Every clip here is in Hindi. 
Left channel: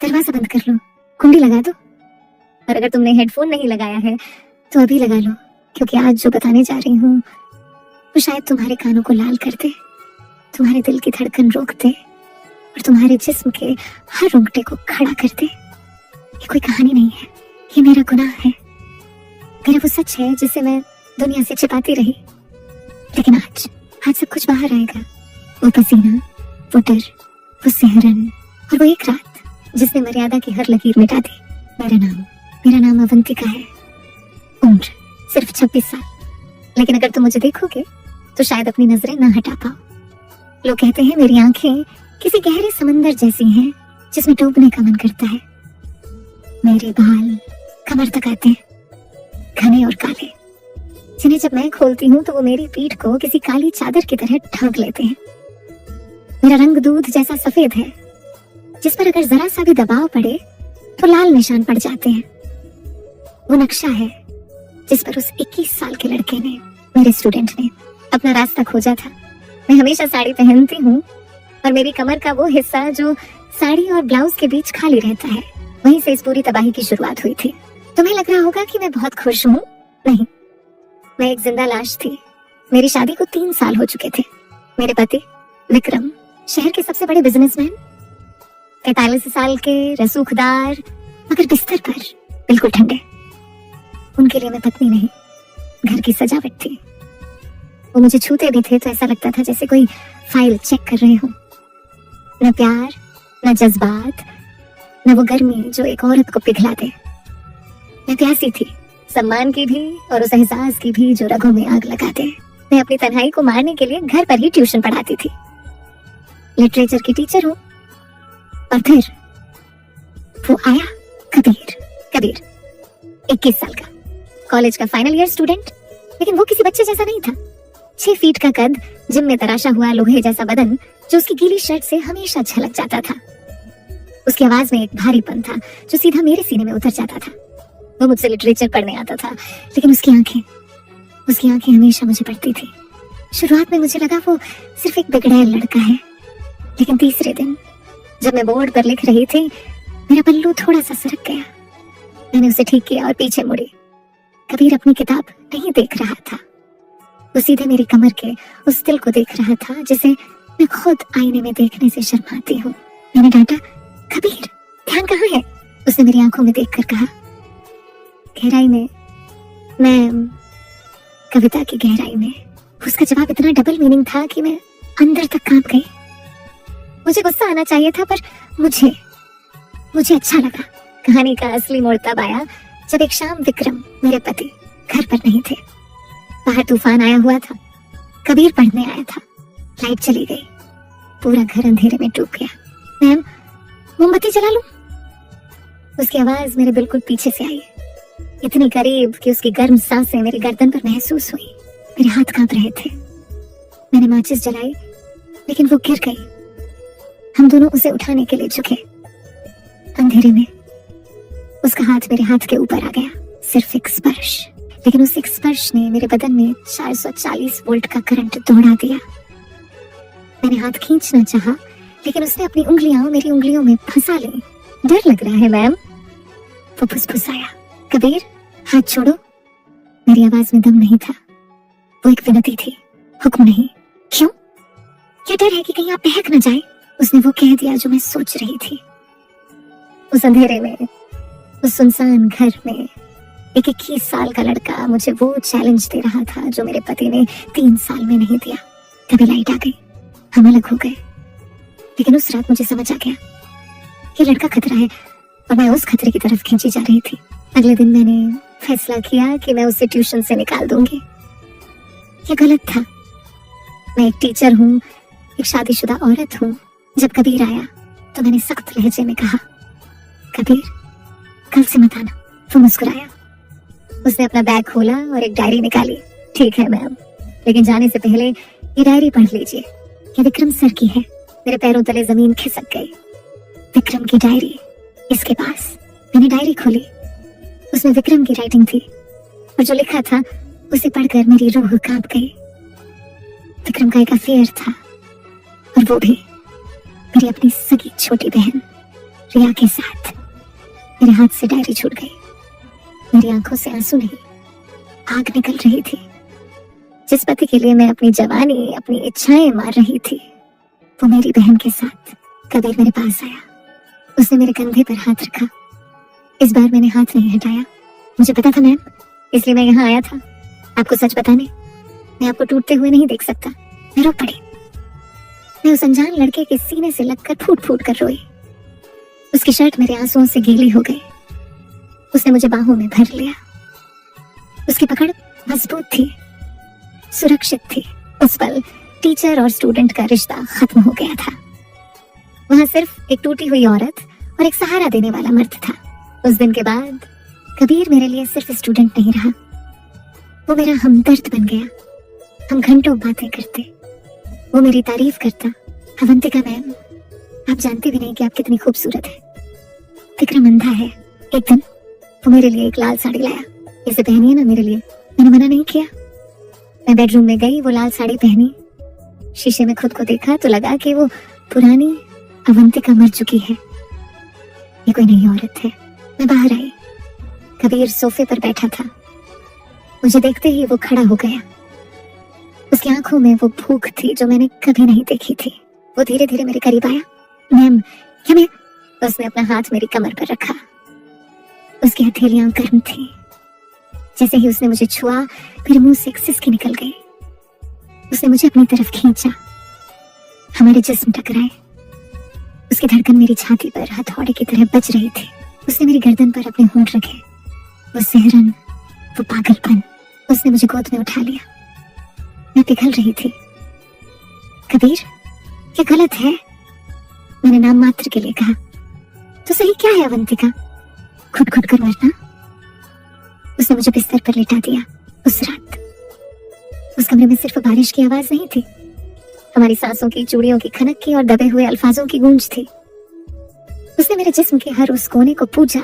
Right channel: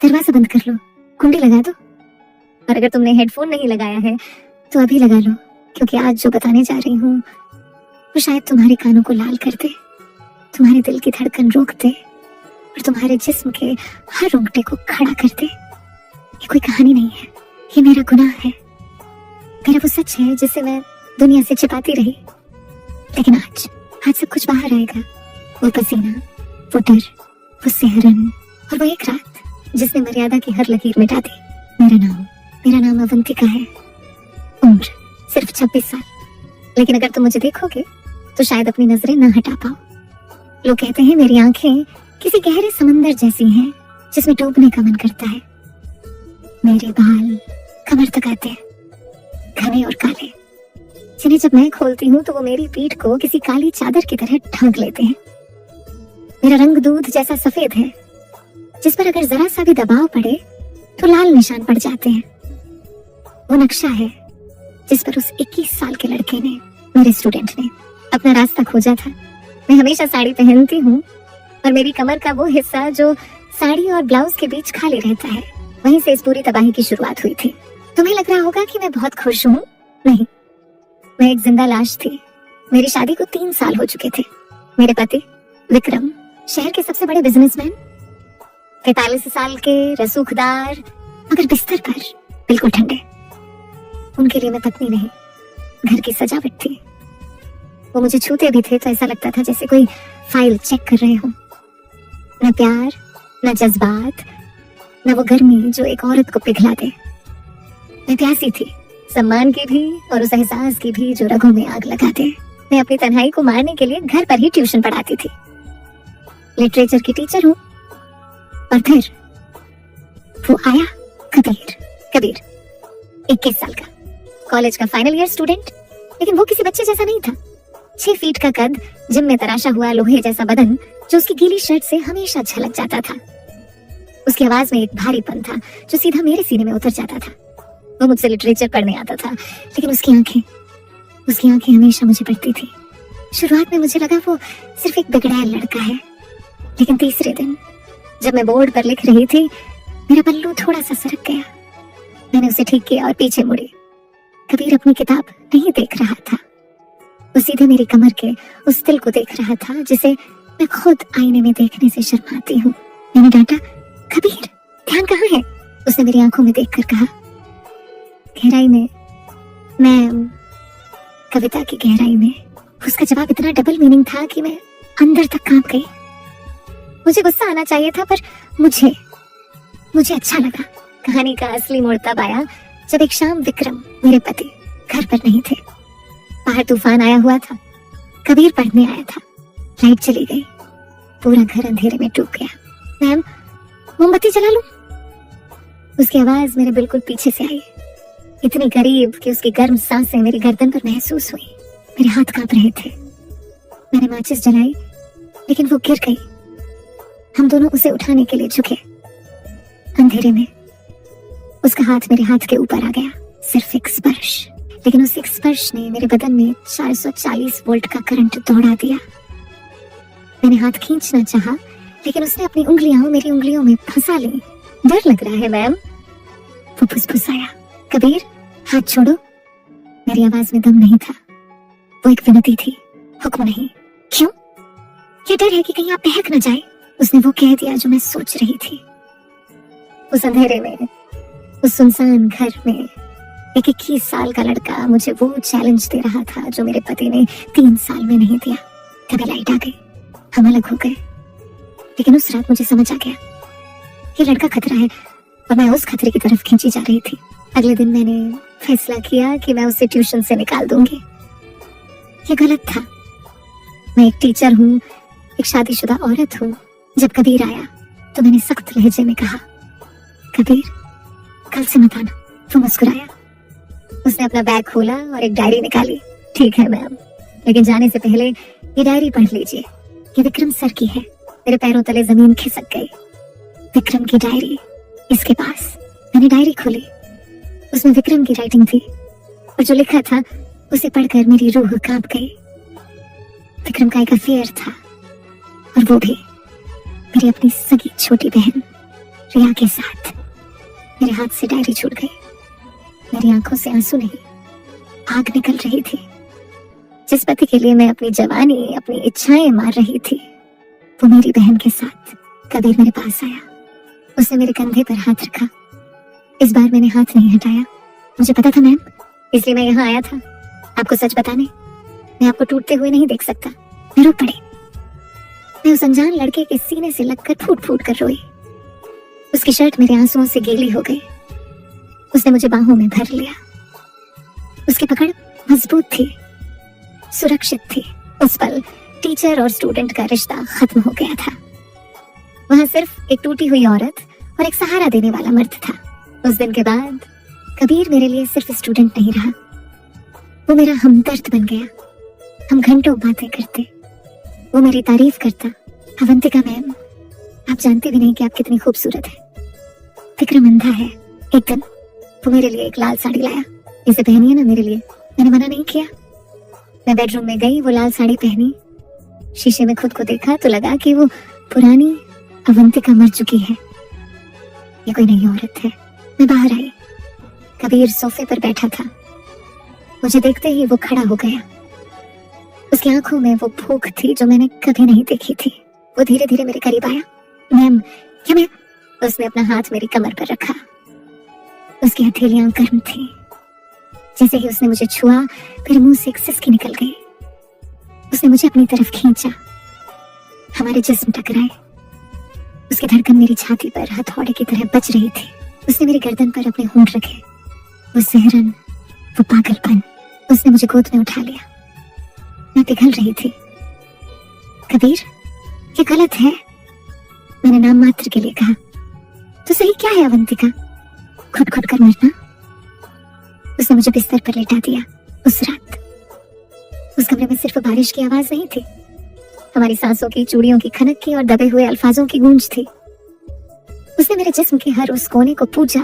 दरवाजा बंद कर लो, कुंडी लगा दो। और अगर तुमने हेडफोन नहीं लगाया है तो अभी लगा लो, क्योंकि आज जो बताने जा रही हूँ वो शायद तुम्हारे कानों को लाल कर दे, तुम्हारे दिल की धड़कन रोक दे और तुम्हारे जिस्म के हर रोंगटे को खड़ा कर दे। ये कोई कहानी नहीं है, ये मेरा गुनाह है, मेरा वो सच है जिसे मैं दुनिया से छिपाती रही। लेकिन आज सब कुछ बाहर आएगा। वो पसीना, वो डर, वो सिहरन और वो एक रात जिसने मर्यादा की हर लकीर मिटा दी। मेरा नाम अवंतिका है। उम्र सिर्फ 26 साल। लेकिन अगर तुम मुझे देखोगे तो शायद अपनी नजरें ना हटा पाओ। लोग कहते हैं मेरी आंखें किसी गहरे समंदर जैसी हैं जिसमें डूबने का मन करता है। मेरे बाल कमर तक आते हैं, घने और काले, जिन्हें जब मैं खोलती हूँ तो वो मेरी पीठ को किसी काली चादर की तरह ढक लेते हैं। मेरा रंग दूध जैसा सफेद है, जिस पर अगर जरा सा भी दबाव पड़े तो लाल निशान पड़ जाते हैं। वो नक्शा है जिस पर उस 21 साल के लड़के ने, मेरे स्टूडेंट ने, अपना रास्ता खोजा था। मैं हमेशा साड़ी पहनती हूँ और मेरी कमर का वो हिस्सा जो साड़ी और ब्लाउज के बीच खाली रहता है, वहीं से इस पूरी तबाही की शुरुआत हुई थी। तुम्हें लग रहा होगा कि मैं बहुत खुश हूँ। नहीं, मैं एक जिंदा लाश थी। मेरी शादी को 3 साल हो चुके थे। मेरे पति विक्रम शहर के सबसे बड़े बिजनेसमैन, 43 साल के, रसूखदार, मगर बिस्तर पर बिल्कुल ठंडे। उनके लिए मैं पत्नी नहीं, घर की सजावट थी। वो मुझे छूते भी थे तो ऐसा लगता था जैसे कोई फाइल चेक कर रहे हो। न प्यार, न जज्बात, न वो गर्मी जो एक औरत को पिघला दे। मैं प्यासी थी, सम्मान की भी और उस एहसास की भी जो रगों में आग लगा दे। मैं अपनी तन्हाई को मारने के लिए घर पर ही ट्यूशन पढ़ाती थी। लिटरेचर की टीचर हूँ। और फिर वो आया, कबीर 21 साल का, कॉलेज का फाइनल ईयर स्टूडेंट। लेकिन वो किसी बच्चे जैसा नहीं था। 6 फीट का कद, जिम में तराशा हुआ लोहे जैसा बदन जो उसकी गीली शर्ट से हमेशा झलक जाता था। उसकी आवाज में एक भारीपन था जो सीधा मेरे सीने में उतर जाता था। वो मुझसे लिटरेचर पढ़ने आता था, लेकिन उसकी आंखें हमेशा मुझे पढ़ती थी। शुरुआत में मुझे लगा वो सिर्फ एक बिगड़ैल लड़का है, लेकिन तीसरे दिन जब मैं बोर्ड पर लिख रही थी, मेरा पल्लू थोड़ा सा सरक गया। मैंने उसे ठीक किया और पीछे मुड़ी। कबीर अपनी किताब नहीं देख रहा था, वो सीधे मेरी कमर के उस तिल को देख रहा था जिसे मैं खुद आईने में देखने से शर्माती हूँ। मैंने डांटा, कबीर ध्यान कहाँ है? उसने मेरी आंखों में देखकर कहा, गहराई में मैम, कविता की गहराई में। उसका जवाब इतना डबल मीनिंग था कि मैं अंदर तक कांप गई। मुझे गुस्सा आना चाहिए था, पर मुझे अच्छा लगा। कहानी का असली मोड़ तब आया जब एक शाम विक्रम, मेरे पति, घर पर नहीं थे। बाहर तूफान आया हुआ था। कबीर पढ़ने आया था। लाइट चली गई, पूरा घर अंधेरे में डूब गया। मैम, मोमबत्ती जला लूं? उसकी आवाज मेरे बिल्कुल पीछे से आई, इतनी करीब कि उसकी गर्म सांसें मेरी गर्दन पर महसूस हुई। मेरे हाथ कांप रहे थे। मैंने माचिस जलाई, लेकिन वो गिर गई। हम दोनों उसे उठाने के लिए झुके। अंधेरे में उसका हाथ मेरे हाथ के ऊपर आ गया। सिर्फ एक स्पर्श, लेकिन उस एक स्पर्श ने मेरे बदन में 440 वोल्ट का करंट दौड़ा दिया। मैंने हाथ खींचना चाहा, लेकिन उसने अपनी उंगलियां मेरी उंगलियों में फंसा ली। डर लग रहा है मैम, वो फुसफुसाया। कबीर, हाथ छोड़ो। मेरी आवाज में दम नहीं था, वो एक विनती थी, हुक्म नहीं। क्यों? ये डर है कि कहीं आप बहक न जाए। उसने वो कह दिया जो मैं सोच रही थी। उस अंधेरे में, उस सुनसान घर में, एक 21 साल का लड़का मुझे वो चैलेंज दे रहा था जो मेरे पति ने 3 साल में नहीं दिया। तभी लाइट आ गई, हम अलग हो गए। लेकिन उस रात मुझे समझ आ गया, ये लड़का खतरा है और मैं उस खतरे की तरफ खींची जा रही थी। अगले दिन मैंने फैसला किया कि मैं उसे ट्यूशन से निकाल दूंगी। ये गलत था। मैं एक टीचर हूँ, एक शादीशुदा औरत हूँ। जब कबीर आया तो मैंने सख्त लहजे में कहा, कबीर कल से मत आना। वो मुस्कुराया। उसने अपना बैग खोला और एक डायरी निकाली। ठीक है मैम, लेकिन जाने से पहले ये डायरी पढ़ लीजिए। ये विक्रम सर की है। मेरे पैरों तले जमीन खिसक गई। विक्रम की डायरी, इसके पास। मैंने डायरी खोली। उसमें विक्रम की राइटिंग थी और जो लिखा था उसे पढ़कर मेरी रूह कांप गई। विक्रम का एक अफेयर था और वो भी मेरी अपनी सगी छोटी बहन रिया के साथ। मेरे हाथ से डायरी छूट गई। मेरी आंखों से आंसू नहीं, आग निकल रही थी। जिस पति के लिए मैं अपनी जवानी, अपनी इच्छाएं मार रही थी, वो मेरी बहन के साथ। कबीर मेरे पास आया, उसने मेरे कंधे पर हाथ रखा। इस बार मैंने हाथ नहीं हटाया। मुझे पता था मैम, इसलिए मैं यहाँ आया था आपको सच बताने। मैं आपको टूटते हुए नहीं देख सकता। मैं रो पड़ी। मैं उस अनजान लड़के के सीने से लगकर फूट फूट कर रोई। उसकी शर्ट मेरे आंसुओं से गीली हो गई। उसने मुझे बाहों में भर लिया। उसकी पकड़ मजबूत थी, सुरक्षित थी। उस पल टीचर और स्टूडेंट का रिश्ता खत्म हो गया था। वहां सिर्फ एक टूटी हुई औरत और एक सहारा देने वाला मर्द था। उस दिन के बाद कबीर मेरे लिए सिर्फ स्टूडेंट नहीं रहा, वो मेरा हमदर्द बन गया। हम घंटों बातें करते, वो मेरी तारीफ करता। अवंतिका मैम, आप जानती भी नहीं कि आप कितनी खूबसूरत है। विक्रम अंधा है। एक दिन वो मेरे लिए एक लाल साड़ी लाया। इसे पहनिए ना मेरे लिए। मैंने मना नहीं किया। मैं बेडरूम में गई, वो लाल साड़ी पहनी। शीशे में खुद को देखा तो लगा कि वो पुरानी अवंतिका मर चुकी है। ये कोई नई औरत है। मैं बाहर आई। कबीर सोफे पर बैठा था। मुझे देखते ही वो खड़ा हो गया। उसकी आंखों में वो भूख थी जो मैंने कभी नहीं देखी थी। वो धीरे धीरे मेरे करीब आया। मैम, क्या मैं? उसने अपना हाथ मेरी कमर पर रखा। उसकी हथेलियां गर्म थी। जैसे ही उसने मुझे छुआ, मेरे मुंह से एक सिसकी निकल गई। उसने मुझे अपनी तरफ खींचा। हमारे जिस्म टकराए। उसकी धड़कन मेरी छाती पर हथौड़े की तरह बज रही थी। उसने मेरी गर्दन पर अपने होंठ रखे। वो सिहरन, वो पागलपन। उसने मुझे गोद में उठा लिया। मैं पिघल रही थी। कबीर, ये गलत है, मैंने नाम मात्र के लिए कहा। तो सही क्या है अवंतिका? खुद खुद कर मरना। उसने मुझे बिस्तर पर लेटा दिया। उस रात उस कमरे में सिर्फ बारिश की आवाज नहीं थी, हमारी सांसों की, चूड़ियों की खनक की और दबे हुए अल्फाजों की गूंज थी। उसने मेरे जिस्म के हर उस कोने को पूजा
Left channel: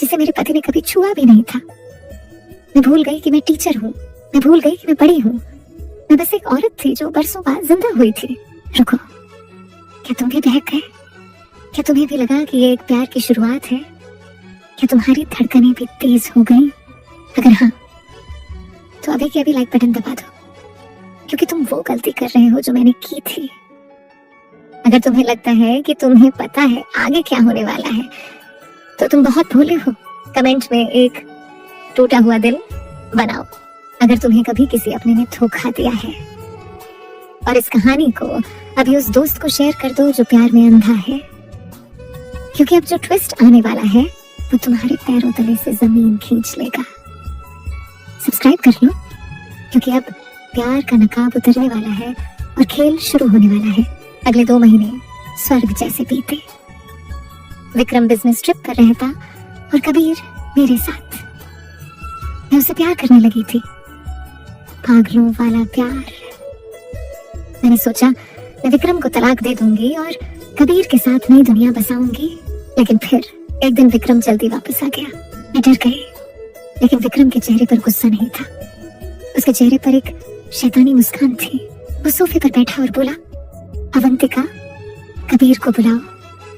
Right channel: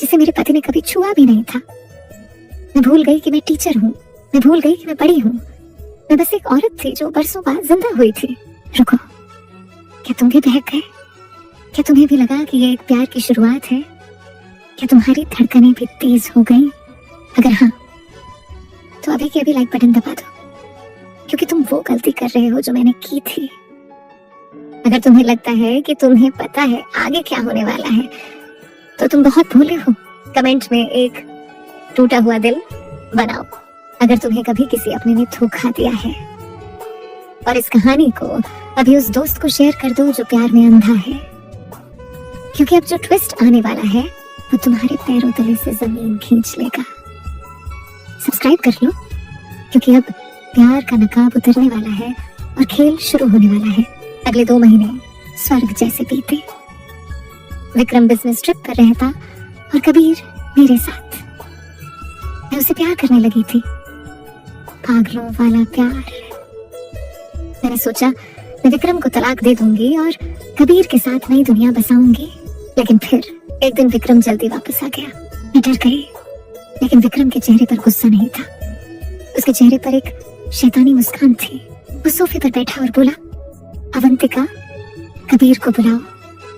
जिसे मेरे पति ने कभी छुआ भी नहीं था। मैं भूल गई कि मैं टीचर हूँ। मैं भूल गई कि मैं बड़ी हूँ। मैं बस एक औरत थी जो बरसों बाद जिंदा हुई थी। रुको, क्या तुम भी बहक गए? क्या तुम्हें भी लगा कि ये एक प्यार की शुरुआत है? क्या तुम्हारी धड़कनें भी तेज हो गई? अगर हाँ, तो अभी के अभी लाइक बटन दबा दो, क्योंकि तुम वो गलती कर रहे हो जो मैंने की थी। अगर तुम्हें लगता है कि तुम्हें पता है आगे क्या होने वाला है, तो तुम बहुत भूले हो। कमेंट में एक टूटा हुआ दिल बनाओ अगर तुम्हें कभी किसी अपने ने धोखा दिया है। और इस कहानी को अभी उस दोस्त को शेयर कर दो जो प्यार में अंधा है, क्योंकि अब जो ट्विस्ट आने वाला है वो तुम्हारे पैरों तले से जमीन खींच लेगा। सब्सक्राइब कर लो, क्योंकि अब प्यार का नकाब उतरने वाला है और खेल शुरू होने वाला है। अगले 2 महीने स्वर्ग जैसे बीते। विक्रम बिजनेस ट्रिप पर रहता और कबीर मेरे साथ। मैं उसे प्यार करने लगी थी, पागलों वाला प्यार। मैंने सोचा मैं विक्रम को तलाक दे दूंगी और कबीर के साथ नई दुनिया बसाऊंगी। लेकिन फिर एक दिन विक्रम जल्दी वापस आ गया। मैं डर गई, लेकिन विक्रम के चेहरे पर गुस्सा नहीं था। उसके चेहरे पर एक शैतानी मुस्कान थी। वो सोफे पर बैठा और बोला, अवंतिका, कबीर को बुलाओ,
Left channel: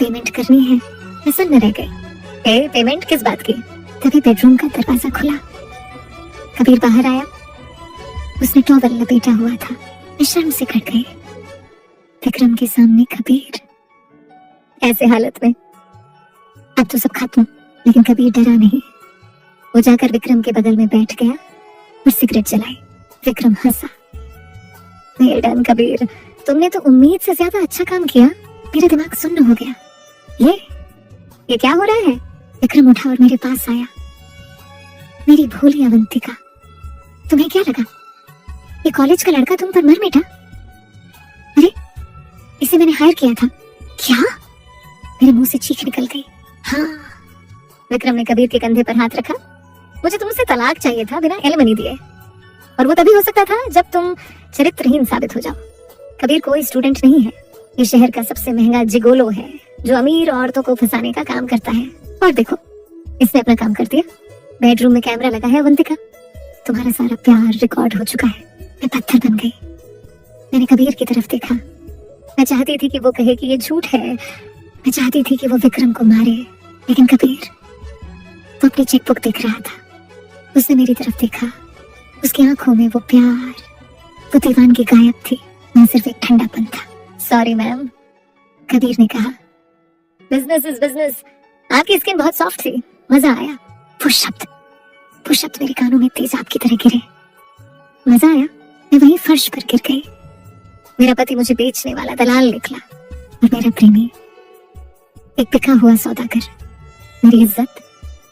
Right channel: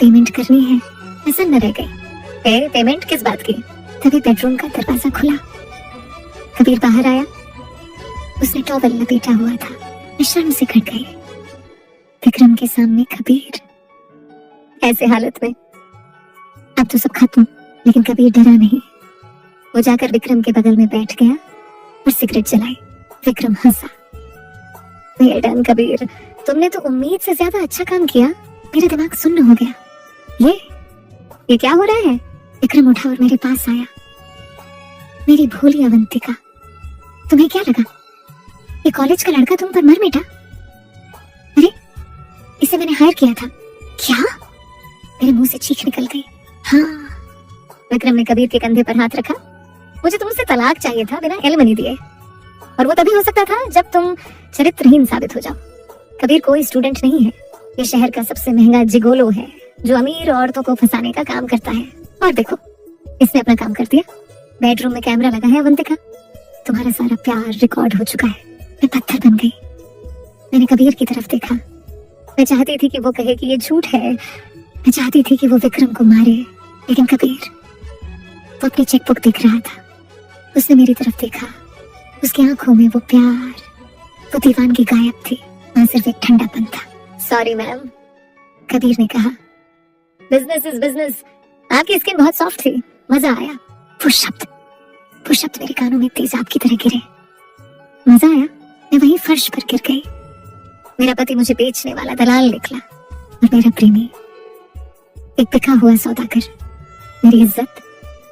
पेमेंट करनी है। मैं सन्न रह गई। पेमेंट किस बात की? तभी बेडरूम का दरवाजा खुला। कबीर बाहर आया। उसने टॉवल लपेटा हुआ था। मैं शर्म से घट गई। विक्रम के सामने कबीर। ऐसे हालत में अब तो सब खत्म, लेकिन कबीर डरा नहीं। वो जाकर विक्रम के बगल में बैठ गया और सिगरेट जलाई। विक्रम हंसा। वेल डन कबीर, तुमने तो उम्मीद से ज्यादा अच्छा काम किया। मेरा दिमाग सुन्न हो गया। ये क्या हो रहा है? विक्रम उठा और मेरे पास आया। मेरी भोली अवंतिका, तुम्हें क्या लगा ये कॉलेज का लड़का तुम पर मर मिटा? अरे, इसे मैंने हायर किया था। क्या? मेरे मुंह से चीख निकल गई। हाँ। विक्रम ने कबीर के कंधे पर हाथ रखा। मुझे तुमसे तलाक चाहिए था बिना एलिमनी दिए, और वो तभी हो सकता था जब तुम चरित्रहीन साबित हो जाओ। कबीर कोई स्टूडेंट नहीं है। ये शहर का सबसे महंगा जिगोलो है जो अमीर औरतों को फंसाने का काम करता है। और देखो, इसने अपना काम कर दिया। बेडरूम में कैमरा लगा है। अवंतिका, तुम्हारा सारा प्यार रिकॉर्ड हो चुका है। मैं पत्थर बन गई। मैंने कबीर की तरफ देखा। मैं चाहती थी कि वो कहे कि ये झूठ है, मैं चाहती थी कि वो विक्रम को मारे, लेकिन कबीर वो अपनी चेकबुक देख रहा था। उसने मेरी तरफ देखा, उसकी आंखों में वो प्यार, वो दीवानगी गायब थी, ना सिर्फ एक ठंडापन था। सॉरी मैम, कबीर ने कहा। Business is business. आपकी स्किन बहुत सॉफ्ट थी, मजा आया। वो शब्द मेरे कानों में तेजाब की तरह गिरे। मजा आया? मैं वहीं फर्श पर गिर गई। मेरा पति मुझे बेचने वाला दलाल निकला और मेरा प्रेमी एक बिका हुआ सौदागर। मेरी इज्जत,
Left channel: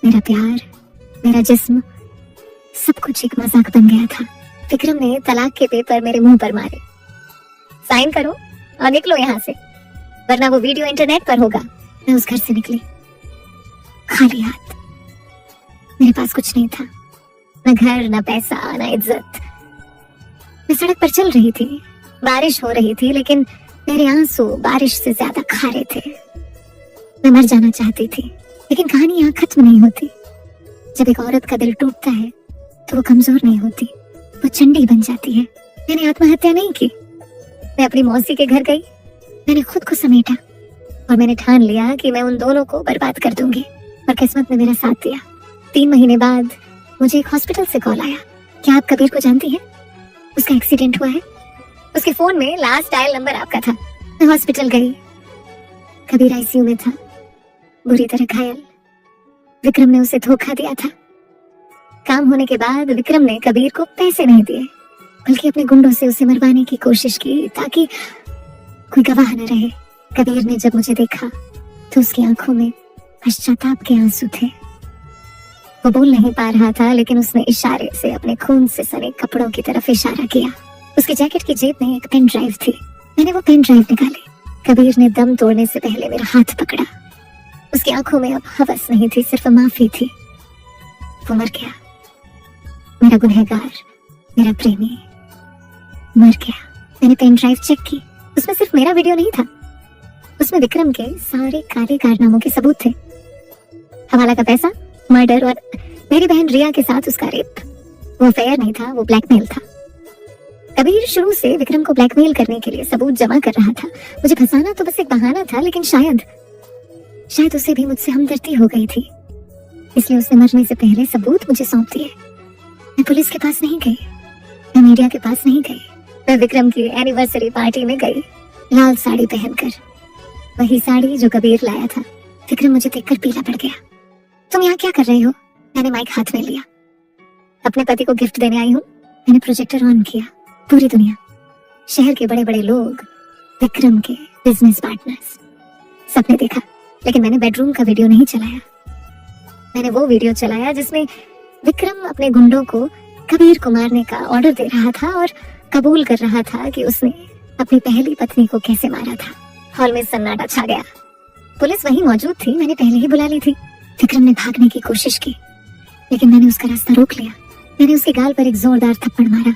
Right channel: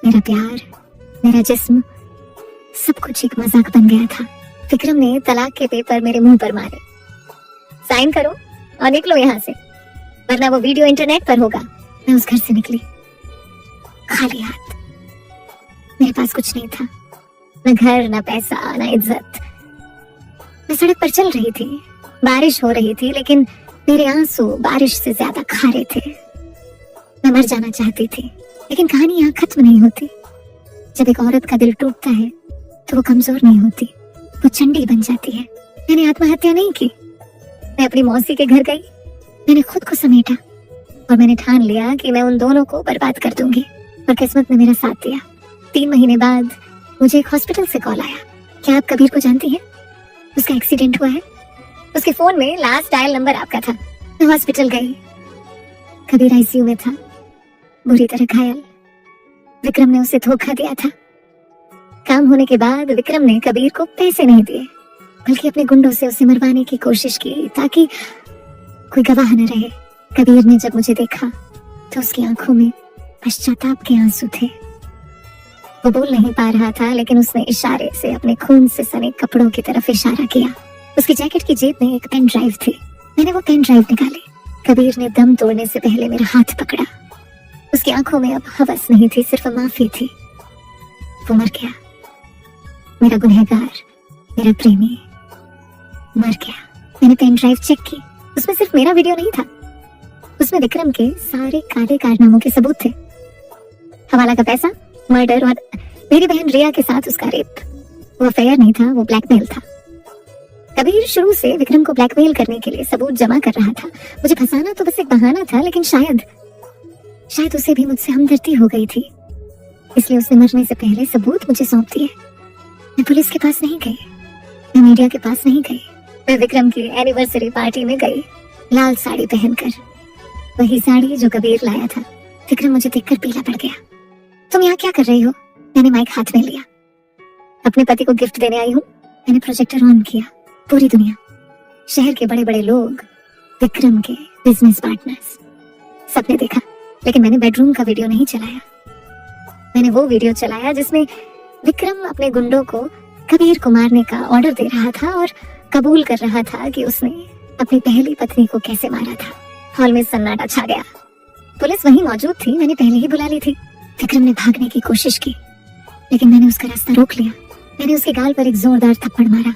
मेरा प्यार, मेरा जिस्म, सब कुछ एक मजाक बन गया था। विक्रम ने तलाक के पेपर मेरे मुंह पर मारे। साइन करो और निकलो यहाँ से, वरना वो वीडियो इंटरनेट पर होगा। मैं उस घर से निकली खाली हाथ। मेरे पास कुछ नहीं था, न घर, न पैसा, न इज्जत। मैं सड़क पर चल रही थी, बारिश हो रही थी, लेकिन मेरे आंसू बारिश से ज्यादा खारे थे। मैं मर जाना चाहती थी, लेकिन कहानी यहाँ खत्म नहीं होती। जब एक औरत का दिल टूटता है तो वो कमजोर नहीं होती, वो चंडी बन जाती है। मैंने आत्महत्या नहीं की। मैं अपनी मौसी के घर गई, मैंने खुद को समेटा और मैंने ठान लिया कि मैं उन दोनों को बर्बाद कर दूंगी। और किस्मत ने मेरा साथ दिया। 3 महीने बाद मुझे एक हॉस्पिटल से कॉल आया। क्या आप कबीर को जानती हैं? उसका एक्सीडेंट हुआ है। उसके फोन में लास्ट डायल नंबर आपका था। मैं हॉस्पिटल गई, कबीर आईसीयू में था, बुरी तरह घायल। विक्रम ने उसे धोखा दिया था। काम होने के बाद विक्रम ने कबीर को पैसे नहीं दिए, बल्कि अपने गुंडों से उसे मरवाने की कोशिश की ताकि कोई गवाह न रहे। कबीर ने जब मुझे देखा तो उसकी आंखों में पश्चाताप के आंसू थे। वो बोल नहीं पा रहा था, लेकिन उसने इशारे से अपने खून से सने कपड़ों की तरफ इशारा किया। उसकी जैकेट की जेब में एक पेन ड्राइव थी। मैंने वो पेन ड्राइव निकाली। कबीर ने दम तोड़ने से पहले मेरा हाथ पकड़ा। उसकी आंखों में अब हवस नहीं थी, सिर्फ माफी थी। वो मर गया, मेरा गुनहगार, मेरा प्रेमी मर गया। मैंने पेन ड्राइव चेक की, उसमें सिर्फ मेरा वीडियो नहीं था, उसमें विक्रम के सारे काले कारनामों के सबूत थे। हवाला का पैसा, मर्डर और मेरी बहन रिया के साथ उसका रेप। वो अफेयर नहीं था, वो ब्लैकमेल था। कबीर शुरू से विक्रम को ब्लैकमेल करने के लिए सबूत जमा कर रहा था। मुझे फंसाना तो बस एक बहाना था, लेकिन शायद उसे भी मुझसे हमदर्दी हो गई थी, इसलिए उसने मरने से पहले सबूत मुझे सौंप दिए। मैं पुलिस के पास नहीं गई, मैं मीडिया के पास नहीं गई। मैं विक्रम की एनिवर्सरी पार्टी में गई, लाल साड़ी पहनकर, वही साड़ी जो कबीर लाया था। विक्रम मुझे देखकर पीला पड़ गया। तुम यहाँ क्या कर रही हो? मैंने माइक हाथ में लिया। अपने पति को गिफ्ट देने आई हूँ। मैंने प्रोजेक्टर ऑन किया। पूरी दुनिया, शहर के बड़े बड़े लोग, विक्रम के बिजनेस पार्टनर्स, सबने देखा, लेकिन मैंने बेडरूम का वीडियो नहीं चलाया। मैंने वो वीडियो चलाया जिसमें विक्रम अपने गुंडों को कबीर को मारने का ऑर्डर दे रहा था और कबूल कर रहा था कि उसने अपनी पहली पत्नी को कैसे मारा था। हॉल में सन्नाटा छा गया। पुलिस वहीं मौजूद थी, मैंने पहले ही बुला ली थी। विक्रम ने भागने की कोशिश की, लेकिन मैंने उसका रास्ता रोक लिया। मैंने उसके गाल पर एक जोरदार थप्पड़ मारा,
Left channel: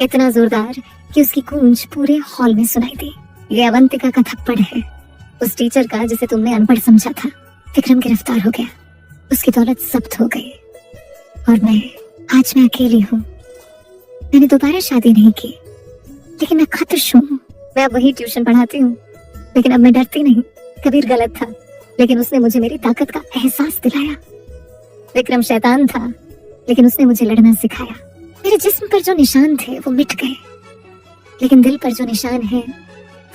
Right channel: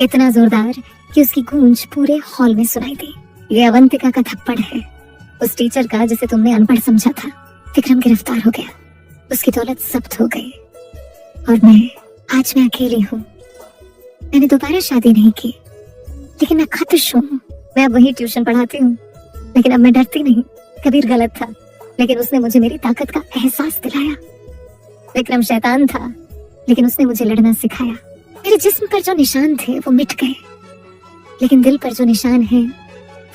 इतना जोरदार कि उसकी गूंज पूरे हॉल में सुनाई दी। ये अवंतिका का थप्पड़ है, उस टीचर का जिसे तुमने अनपढ़ समझा था। विक्रम गिरफ्तार हो गया, उसकी दौलत जब्त हो गई और आज मैं अकेली हूँ। मैंने दोबारा शादी नहीं की, लेकिन मैं खुश हूँ। मैं अब वही ट्यूशन पढ़ाती हूँ, लेकिन अब मैं डरती नहीं। कबीर गलत था, लेकिन उसने मुझे मेरी ताकत का एहसास दिलाया। विक्रम शैतान था, लेकिन उसने मुझे लड़ना सिखाया। मेरे जिस्म पर जो निशान थे वो मिट गए, लेकिन दिल पर जो निशान है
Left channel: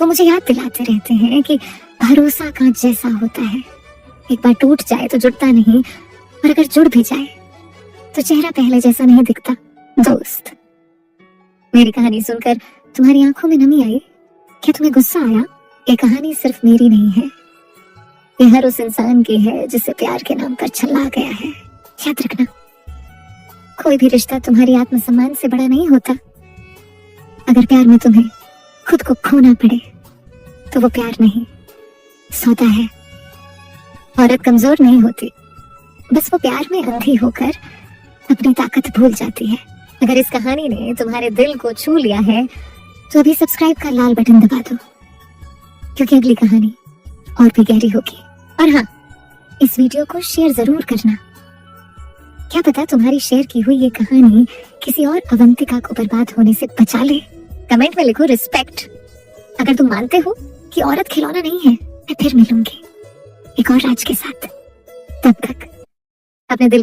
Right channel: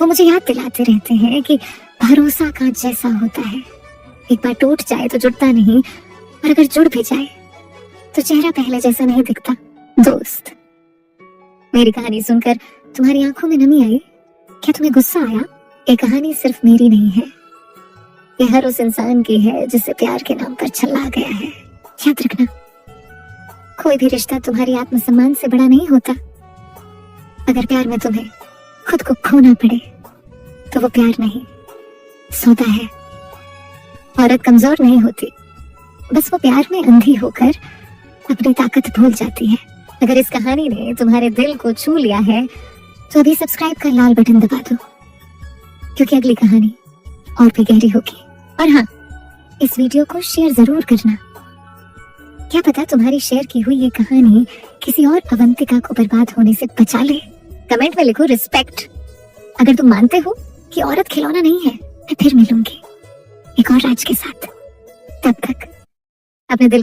वो मुझे याद दिलाते रहते हैं कि भरोसा का जैसा होता है, एक बार टूट जाए तो जुड़ता नहीं, और अगर जुड़ भी जाए तो चेहरा पहले जैसा नहीं दिखता। दोस्त, मेरी कहानी सुनकर तुम्हारी आंखों में नमी आई? क्या तुम्हें गुस्सा आया? ये कहानी सिर्फ मेरी नहीं है, ये हर उस इंसान की है जिसे प्यार के नाम पर छल्ला गया है। याद रखना, कोई भी रिश्ता तुम्हारी आत्मसम्मान से बड़ा नहीं होता। अगर प्यार में तुम्हें खुद को खोना पड़े तो वो प्यार नहीं, सौदा है। औरत कमजोर नहीं होती, बस वो प्यार में अंधी होकर अपनी ताकत भूल जाती है। अगर इस कहानी ने तुम्हारे दिल को छू लिया है तो अभी सब्सक्राइब का लाल बटन दबा दो, क्योंकि अगली कहानी और भी गहरी होगी। और हाँ, इस वीडियो को शेयर जरूर करना। क्या पता तुम्हारी शेयर की हुई ये कहानी किसी और अवंतिका को बर्बाद होने से बचा ले। कमेंट में लिखो रिस्पेक्ट, अगर तुम मानते हो कि औरत खिलौना नहीं है, मैं फिर मिलूंगी एक और राज के साथ। तब तक अपने दिल का